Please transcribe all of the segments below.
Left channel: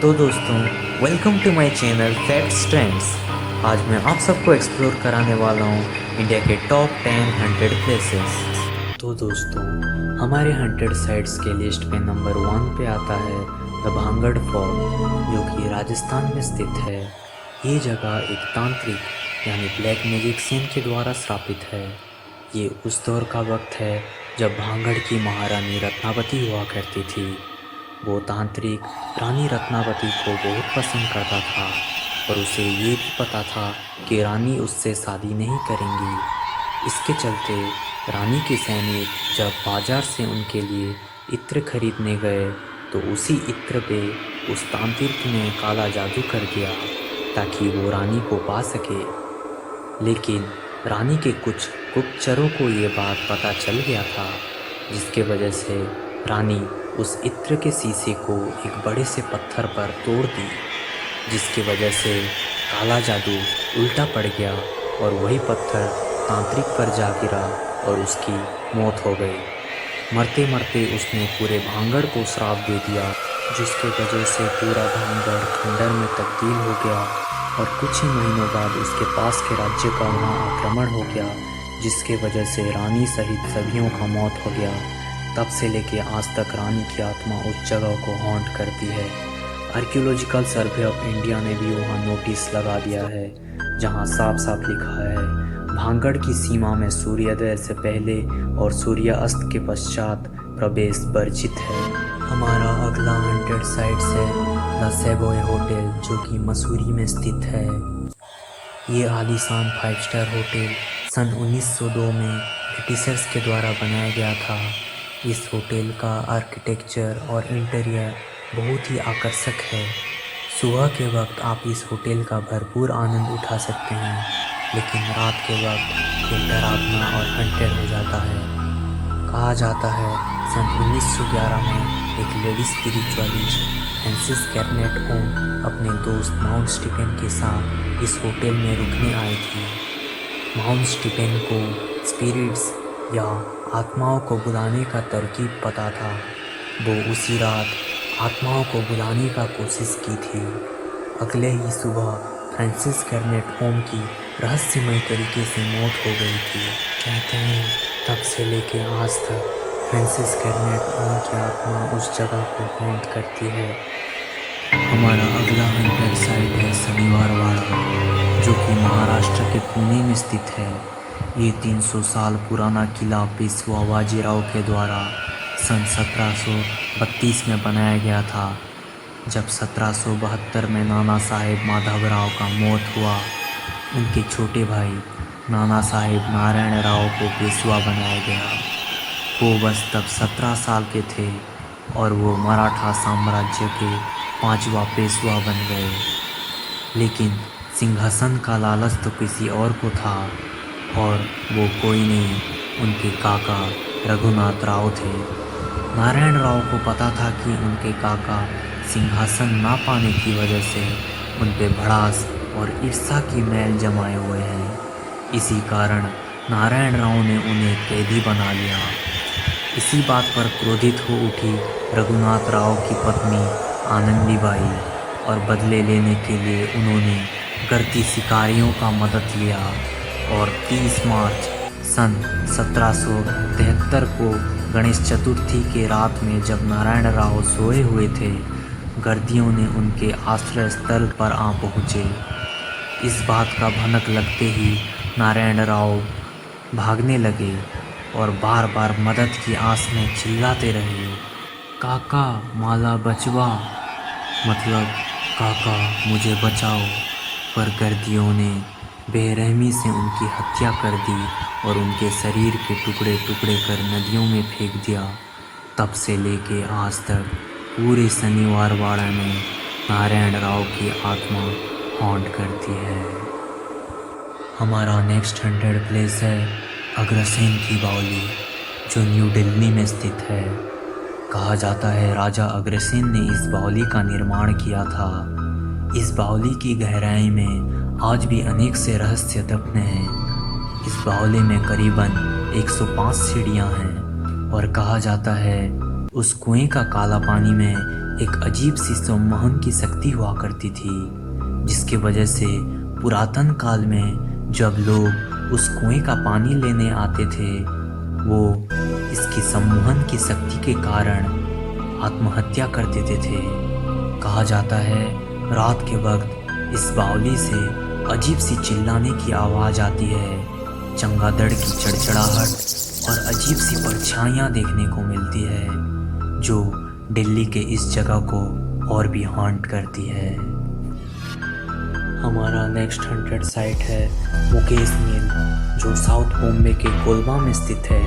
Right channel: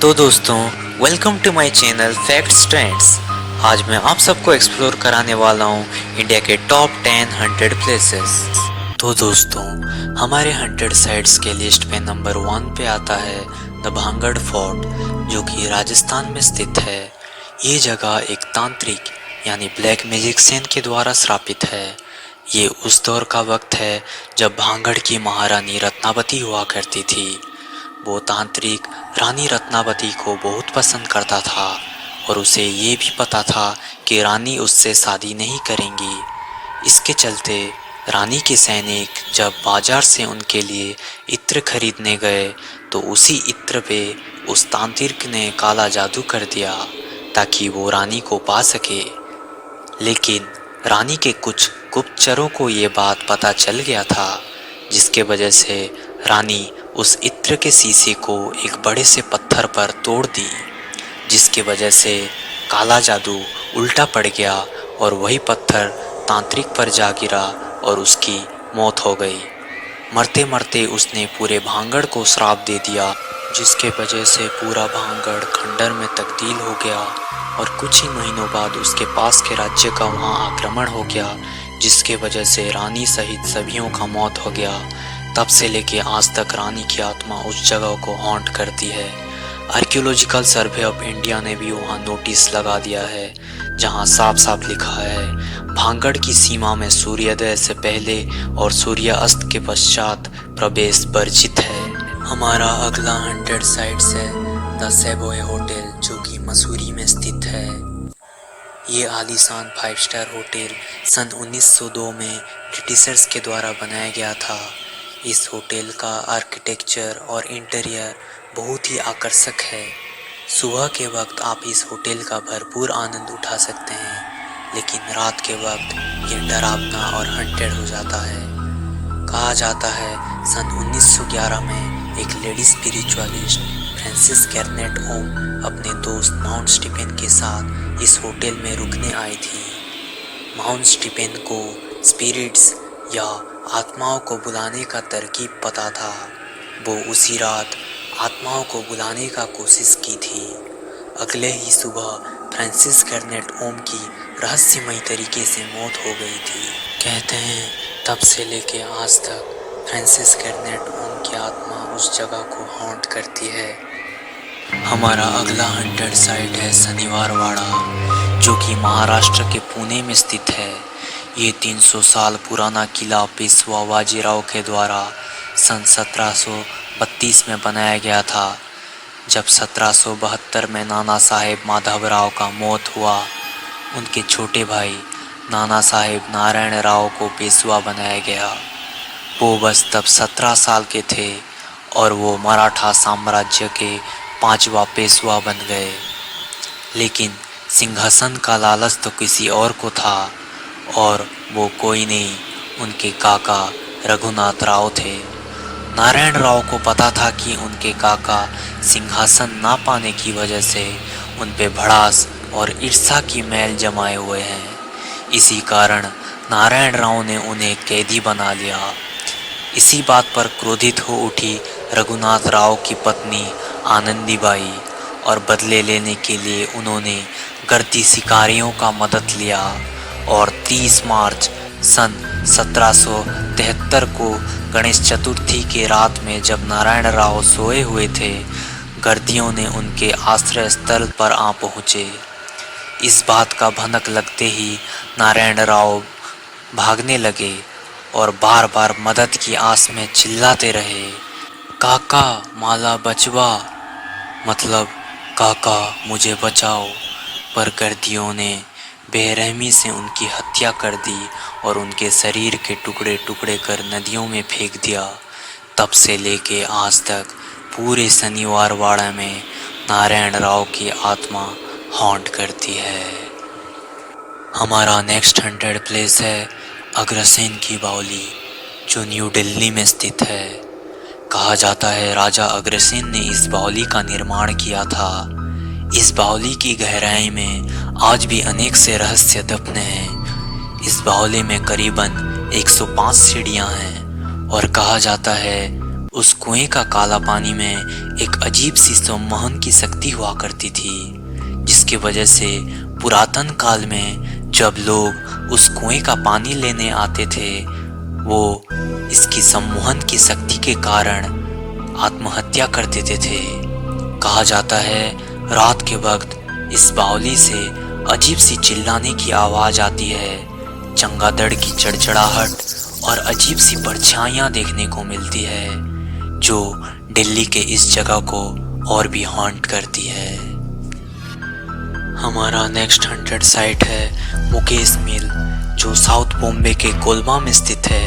तो दोस्तों, welcome to my channel facts trends. आज मैं आप सबको एक्सप्लोर कराने वाला हूँ इंडिया के टॉप 10 हंटेड प्लेसेस। तो दोस्तों, हमारे हंटेड साइट्स के लिस्ट में नंबर 1 पे आता है द भांगड़ फोर्ट, जो कि राजस्थान में स्थित है। ये जगह एक तांत्रिक यानी ब्लैक मैजिशियन के द्वारा स्थापित है। ये उस दौर का वक्त है जब भांगड़ की महारानी रत्नावती हुआ करती थी। वो तांत्रिक रानी रत्नावती को बहुत पसंद करता था और उसे ये भी पता था कि रानी उससे शादी नहीं करेंगी। इसके चलते रानी के सैनिक जब बाजार से उनके लिए इत्र खरीदने गए तो उसी इत्र पे उस तांत्रिक ने काला जादू कर दिया ताकि वो रानी को पा सके। लेकिन रानी के कुछ गुप्तचरों को ये बात पता चल गया था, जिसके वजह से रानी उस इत्र के शीशे को एक बड़े से पत्थर पर तोड़ दी, जिसके वजह से काला जादू उल्टा पड़ गया और वही पत्थर तांत्रिक पर जा गिरा और उसकी मौत हो गई। मरते मरते उसने पूरे भांगड़ को श्राप दे दिया, जिसके वजह से पूरा भांगड़ खंडर में तब्दील हो गया और कुछ ही महीनों बाद उसके पास के राज्य का वहाँ आक्रमण हो गया, जिसके वजह से रानी सहित सभियों का मौत हो गया। तब से लेके आज तक रानी की आत्मा उस जगह को हॉन्ट करती है। आर्कियोलॉजिकल सर्वे ऑफ इंडिया ने भी वहाँ नोटिस लगा दिया है, जहाँ साफ साफ लिखा है भांगड़ की सीमा में सूर्योदय से पहले और सूर्यास्त के पश्चात प्रवेश वर्जित है। हमारा अगला हंटेड साइट्स है द सेवॉय होटल, जो कि मसूरी में स्थित है। ये आलीशान 5 स्टार होटल सन 1902 में ब्रिटिशर्स के द्वारा बनाया गया था। इस होटल का आर्किटेक्चर और इंटीरियर बहुत ही आकर्षक है। सुबह के वक्त आप इस होटल का भरपूर आनंद उठा सकते हैं, लेकिन रात के वक्त ये डरावना और हंटेड हो जाता है। कहा जाता है सन 1911 में एक लेडी स्पिरिचुअलिस्ट फ्रांसिस कैरनेट ओम अपने दोस्त माउंट स्टीफेन के साथ इस होटल में रुकने आई थी। माउंट स्टीफेन को स्पिरिट्स या आत्माओं को बुलाने का तरकीब पता था। वो उसी रात आत्माओं को बुलाने का कोशिश की थी। अगले ही सुबह फ्रांसिस कैरनेट ओम की रहस्यमय तरीके से मौत हो गई थी। कहते हैं तब से लेके आज तक फ्रांसिस कैरनेट ओम की आत्मा उस जगह को हॉन्ट करती है। हमारा अगला हंटेड साइट है शनिवार वाड़ा, जो कि महाराष्ट्र के पुणे में स्थित है। ये 300 साल पुराना किला पेशवा बाजीराव के द्वारा सन 1732 में बनाया गया था। जब 1772 में नाना साहेब माधवराव का मौत हुआ, उनके छोटे भाई नाना साहेब नारायण राव को पेशवा बनाया गया। वो बस तब 17 साल के थे और वो मराठा साम्राज्य के 5वां पेशवा बन गए। लेकिन सिंहासन का लालच तो किसी और को था, और वो कोई नहीं, उनके काका रघुनाथ राव थे। नारायण राव को पता था कि उनके काका सिंहासन ना पाने की वजह से उन पे भड़ास और ईर्ष्या की मैल जमाए हुए हैं। इसी कारण नारायण राव ने उन्हें कैदी बना लिया। इसी बात पर क्रोधित हो उठी रघुनाथ राव की पत्नी आनंदीबाई, और बदले लेने के लिए उन्होंने गर्दी शिकारियों का मदद लिया और 30 मार्च सन 1773 को गणेश चतुर्थी के रात में जब नारायण राव सोए हुए थे, गर्दियों ने उनके आश्रय स्थल पर आ पहुँचे। इस बात का भनक लगते ही नारायण राव भागने लगे और बार बार मदद की आस में चिल्लाते रहे, काका माला बचवा, मतलब काका मुझे बचाओ। पर गर्दियों ने बेरहमी से उनकी हत्या कर दी और उनके शरीर के टुकड़े टुकड़े कर नदियों में फेंक दिया। तब से लेके आज तक पूरे शनिवार वाड़ा में नारायण राव की आत्मा हॉन्ट करती है। हमारा नेक्स्ट हंटेड प्लेस है अग्रसेन की बावली, जो न्यू दिल्ली में स्थित है। कहा जाता है राजा अग्रसेन ने इस बावली का निर्माण किया था। इस बावली की गहराई में आज भी अनेक से रहस्य दफन हैं। इस बावली में करीबन 105 सीढ़ियाँ हैं और कहा जाता है उस कुएं का काला पानी में एक अजीब सी सम्मोहन की शक्ति हुआ करती थी, जिसकी वजह से पुरातन काल में जब लोग उस कुएं का पानी लेने आते थे, वो इसकी सम्मोहन की शक्ति के कारण आत्महत्या कर देते थे। कहा जाता है रात के वक्त इस बावली से अजीब सी चिल्लाने की आवाज़ आती है, चमगादड़ की चड़चड़ाहट और अजीब सी परछाइयाँ देखने को मिलती है, जो दिल्ली के इस जगह को और भी हॉन्ट करती है। हमारा नेक्स्ट हॉन्टेड साइट है मुकेश मिल, जो साउथ बॉम्बे के कोलबा में स्थित है।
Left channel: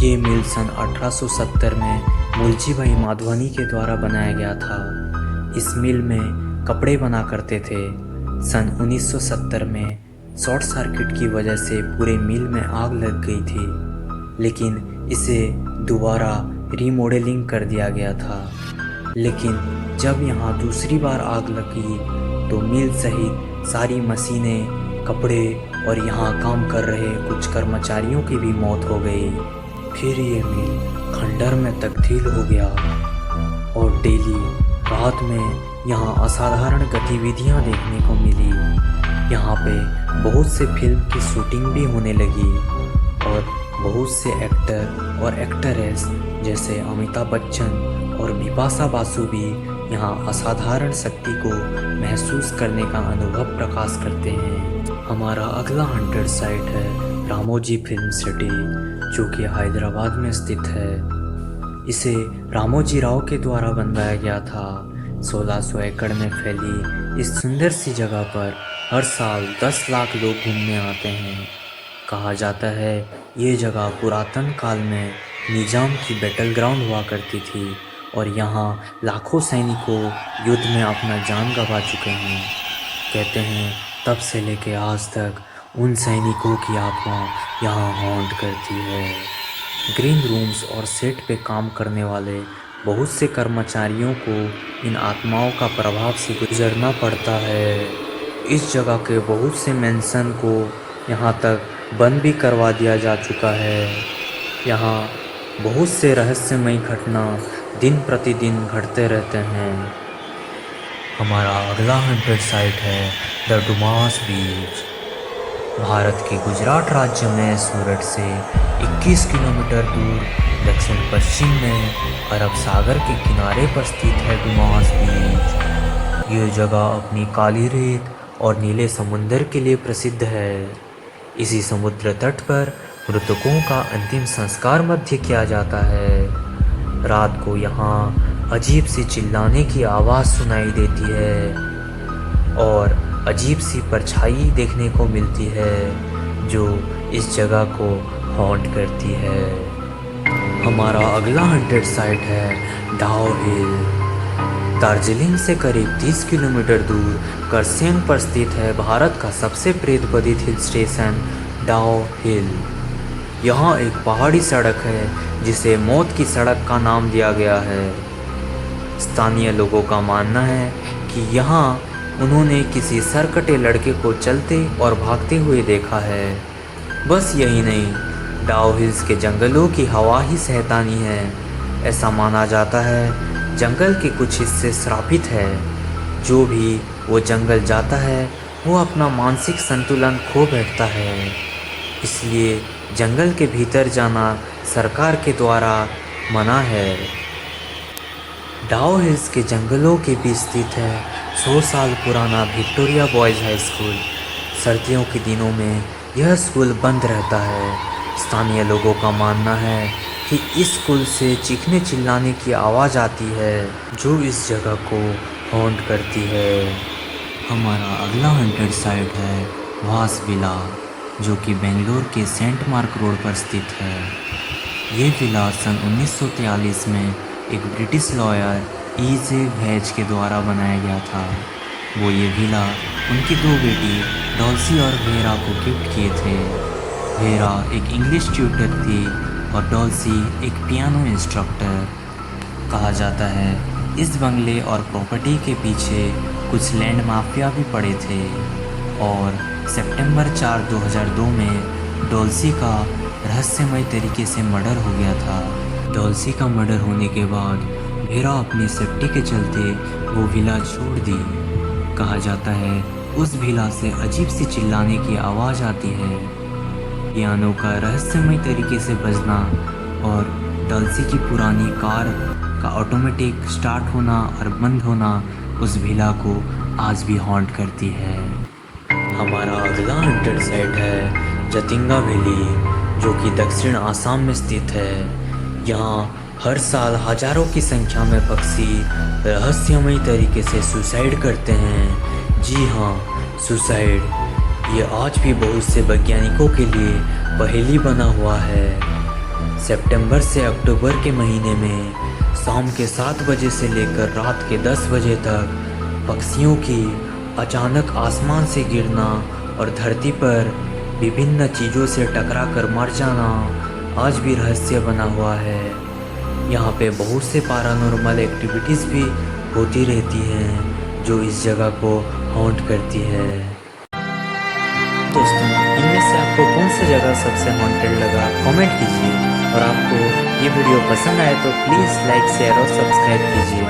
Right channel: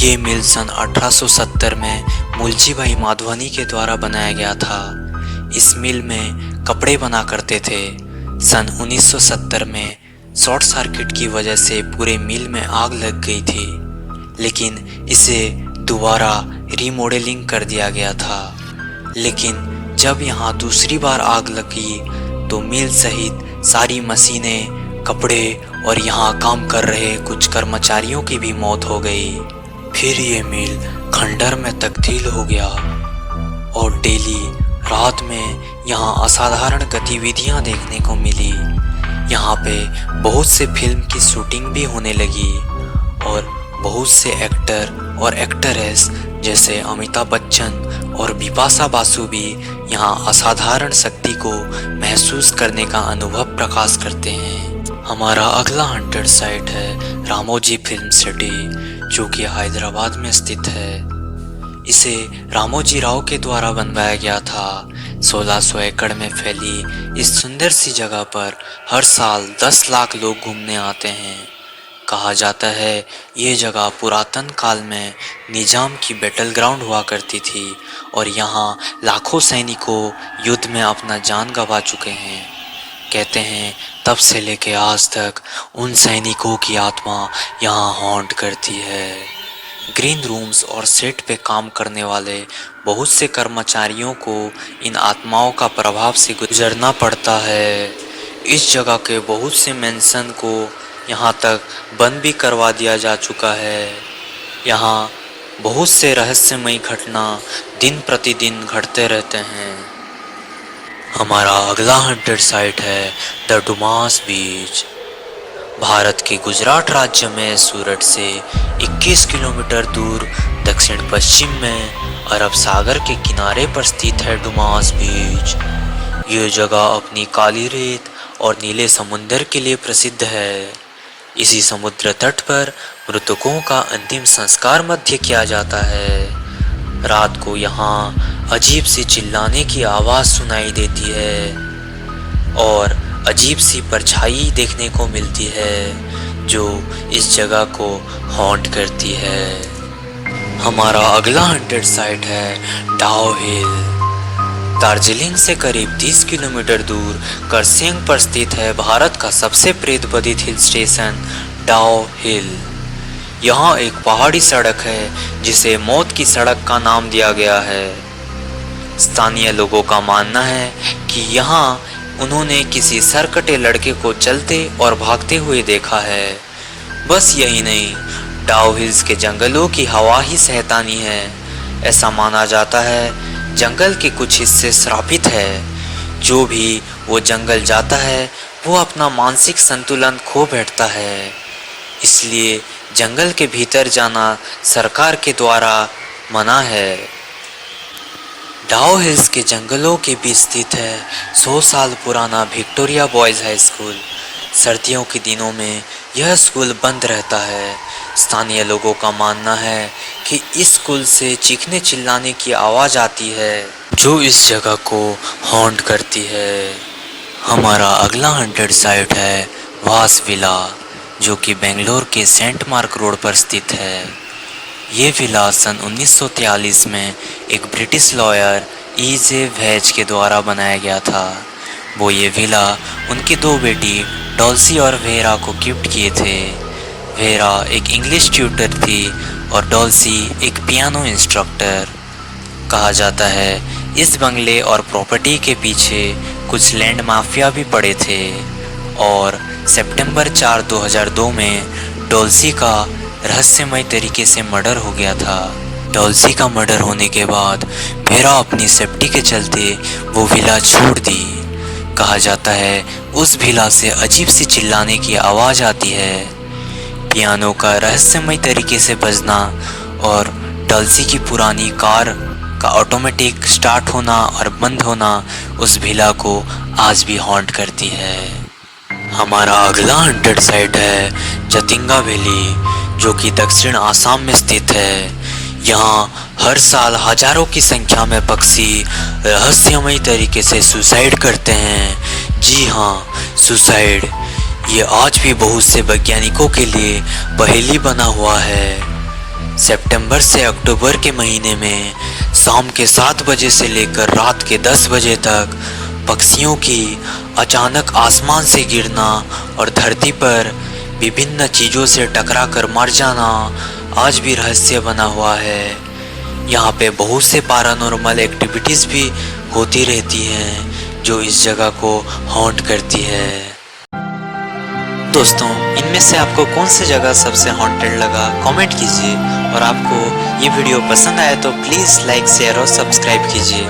ये मिल सन 1870 में मुलजी भाई माधवानी के द्वारा बनाया गया था। इस मिल में कपड़े बना करते थे। सन 1970 में शॉर्ट सर्किट की वजह से पूरे मिल में आग लग गई थी, लेकिन इसे दोबारा रीमॉडलिंग कर दिया गया था। लेकिन जब यहाँ दूसरी बार आग लगी तो मिल सहित सारी मशीनें, कपड़े और यहाँ काम कर रहे कुछ कर्मचारियों की भी मौत हो गई। फिर ये मिल खंडर में तब्दील हो गया और डेली रात में यहाँ असाधारण गतिविधियाँ देखने को मिली। यहाँ पे बहुत से फिल्म की शूटिंग भी होने लगी और बहुत से एक्टर और एक्ट्रेस जैसे अमिताभ बच्चन और बिपाशा बासु भी यहाँ असाधारण शक्ति को महसूस करने का अनुभव प्रकाश करते हैं। हमारा अगला हॉन्टेड साइट है रामोजी फिल्म सिटी, जो कि हैदराबाद में स्थित है। इसे रामोजी राव के द्वारा बनवाया गया था। 1600 एकड़ में फैली इस सुंदर सी जगह पर हर साल 10 लाख लोग घूमने आते हैं। कहा जाता है ये जगह पुरातन काल में निजाम की बैटल ग्राउंड हुआ करती थी और यहाँ लाखों सैनिकों युद्ध में अपना जान गंवा चुके हैं। कहते हैं तब से लेके आज तक उन सैनिकों की आत्मा यहाँ हॉन्ट करती है। ग्रीन रूम्स और सेट पे काम करने वाले बहुत से कर्मचारियों को इन आत्माओं का प्रभाव से गुजरना पड़ता है। इस जगह के बहुत से मेंशन को यहाँ तक बंद भी करवा दिया जा चुका है। यहाँ बहुत से रहस्यमयी घटना दिन प्रतिदिन घटते रहते हैं। हमारा अगला हॉन्टेड साइट है द डुमास बीच। भारत के गुजरात राज्य में सूरत से 21 किलोमीटर दूर दक्षिण पश्चिम में अरब सागर के किनारे पर स्थित है डुमास बीच। ये जगह अपनी काली रेत और नीले समुंदर के लिए प्रसिद्ध है। इसी समुद्र तट पर मृतकों का अंतिम संस्कार मध्य किया जाता है। रात को यहाँ अजीब सी चिल्लाने की आवाज़ सुनाई देती है और अजीब सी परछाई देखने को मिलती है, जो इस जगह को हॉन्ट करती है। हमारा अगला हॉन्टेड साइट है डाओ हिल। दार्जिलिंग से करीब 30 किलोमीटर दूर करसेंग पर स्थित है भारत का सबसे प्रेतबाधित हिल स्टेशन डाओ हिल। यहाँ एक पहाड़ी सड़क है जिसे मौत की सड़क का नाम दिया गया है। स्थानीय लोगों का मानना है कि यहाँ उन्होंने किसी सरकटे लड़के को चलते और भागते हुए देखा है। बस यही नहीं, डाओ हिल्स के जंगलों की हवा ही शैतानी है। ऐसा माना जाता है जंगल के कुछ हिस्से श्रापित है। जो भी वो जंगल जाता है वो अपना मानसिक संतुलन खो बैठता है। इसलिए जंगल के भीतर जाना सरकार के द्वारा मना है। डाओ हिल्स के जंगलों के बीच स्थित है 100 साल पुराना विक्टोरिया बॉयज़ हाई स्कूल। सर्दियों के दिनों में यह स्कूल बंद रहता है। स्थानीय लोगों का मानना है कि इस स्कूल से चीखने चिल्लाने की आवाज़ आती है, जो इस जगह को हॉन्ट करती है। हमारा अगला हॉन्टेड साइट है वास विला, जो कि बेंगलोर के सेंट मार्क रोड पर स्थित है। ये विला सन 1943 में एक ब्रिटिश लॉयर E.J. वेज के द्वारा बनाया गया था। वो ये विला उनकी 2 बेटी डॉल्सी और वेरा को गिफ्ट किए थे। वेरा एक इंग्लिश ट्यूटर थी और डॉल्सी एक पियानो इंस्ट्रक्टर। कहा जाता है इस बंगले और प्रॉपर्टी के पीछे कुछ लैंड माफिया भी पड़े थे और सितंबर 4, 2002 में डॉल्सी का रहस्यमय तरीके से मर्डर हो गया था। डॉल्सी का मर्डर होने के बाद भेरा अपनी सेफ्टी के चलते वो विला छोड़ दी। कहा जाता है उस विला से अजीब सी चिल्लाने की आवाज़ आती है। पियानो का रहस्यमय तरीके से बजना और डॉल्सी की पुरानी कार का ऑटोमेटिक स्टार्ट होना और बंद होना उस विला को आज भी हॉन्ट करती है। हमारा अगला हंटेड साइट है जतिंगा वैली, जो कि दक्षिण आसाम में स्थित है। यहाँ हर साल हजारों की संख्या में पक्षी रहस्यमय तरीके से सुसाइड करते हैं। जी हाँ, सुसाइड। ये आज भी बहुत से वैज्ञानिकों के लिए पहेली बना हुआ है। सितंबर से अक्टूबर के महीने में शाम के 7 बजे से लेकर रात के 10 बजे तक पक्षियों की अचानक आसमान से गिरना और धरती पर विभिन्न चीज़ों से टकरा कर मर जाना आज भी रहस्य बना हुआ है। यहाँ पे बहुत से पैरानॉर्मल एक्टिविटीज़ भी होती रहती हैं जो इस जगह को हॉन्ट करती है। दोस्तों, इनमें से आपको कौन सी जगह सबसे हॉन्टेड लगा कमेंट कीजिए, और आपको ये वीडियो पसंद आया तो प्लीज़ लाइक शेयर और सब्सक्राइब कीजिए।